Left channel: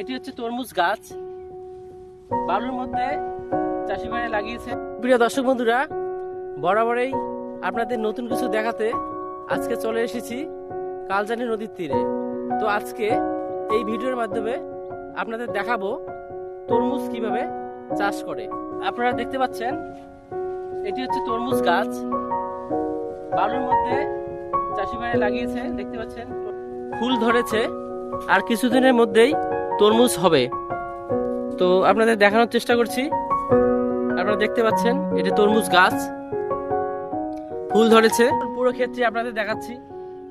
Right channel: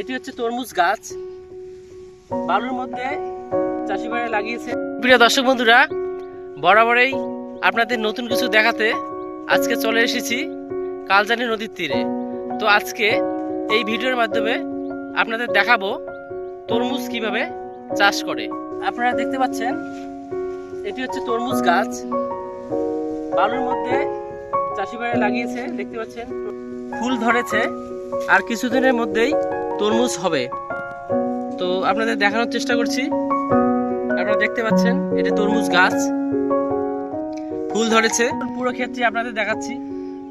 এটি হচ্ছে তরমুজ গাছ। বালুর মধ্যে চাষি ভাইরা লাগিয়েছে। প্রিয় দর্শক বন্ধুরা, বরাবরই আপনাদের নতুন কিছু দেখাতে আজকে চলে এসেছি কালজানি নদীর তীরে। তো আজকে এই ভিডিওর মাধ্যমে আপনাদের দেখাবো তরমুজ কীভাবে চাষ করে। আপনারা দেখতে পাচ্ছেন, এটি হচ্ছে তরমুজ গাছ। বালুর মধ্যে চাষি ভাইরা লাগিয়েছে, দেখতে পাচ্ছেন। ফুল ধরেছে, আর কিছুদিনের মধ্যেই তরমুজ হবে। তো আপনাদের দেখানোর চেষ্টা করছি। আপনারা দেখতে পাচ্ছেন, এটা তরমুজ গাছ। ফুল ধরেছে। পুরো ক্ষেত্রে আপনাদের দেখাচ্ছি।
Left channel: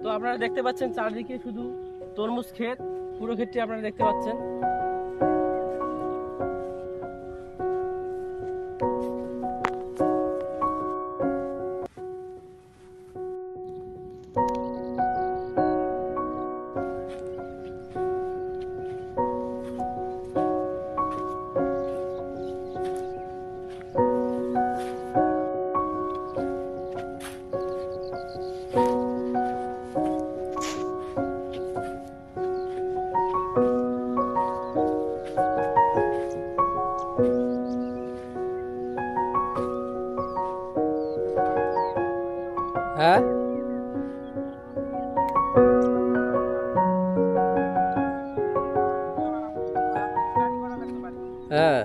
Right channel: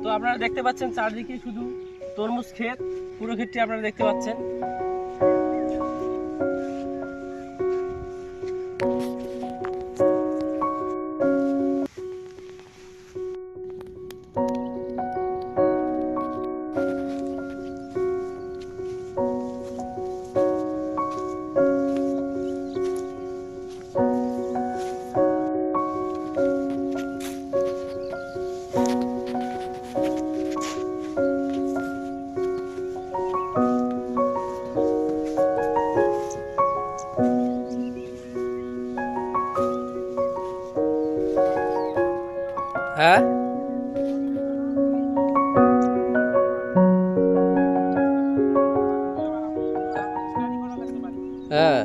তো আপনারা দেখতে পাচ্ছেন, চারদিকে শুধু তরমুজ ক্ষেত। পুরো ক্ষেত্রে আপনারা দেখতে পাচ্ছেন। হ্যাঁ? হ্যাঁ।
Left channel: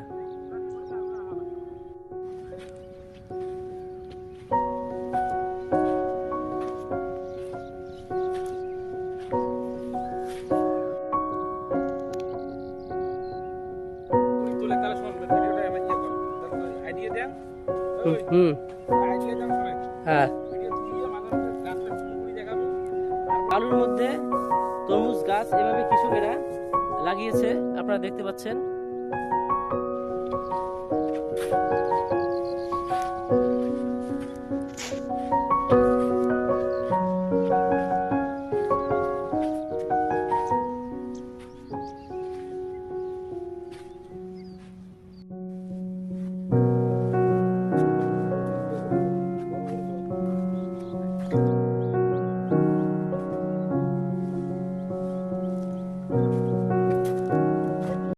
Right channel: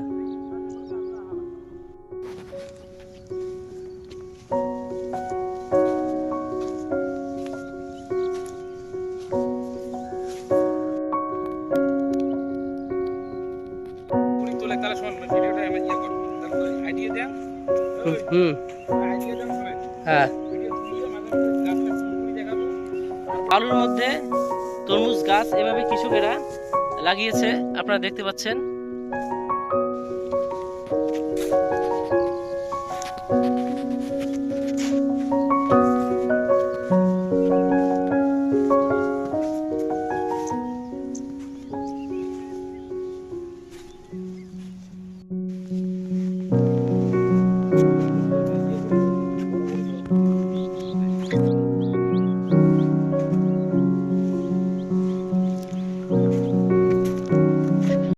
হুম, হ্যাঁ। আলুর মধ্যে তরমুজ গাছ এভাবে কৃষকেরা লাগিয়েছে আপনারা দেখতে পাচ্ছেন।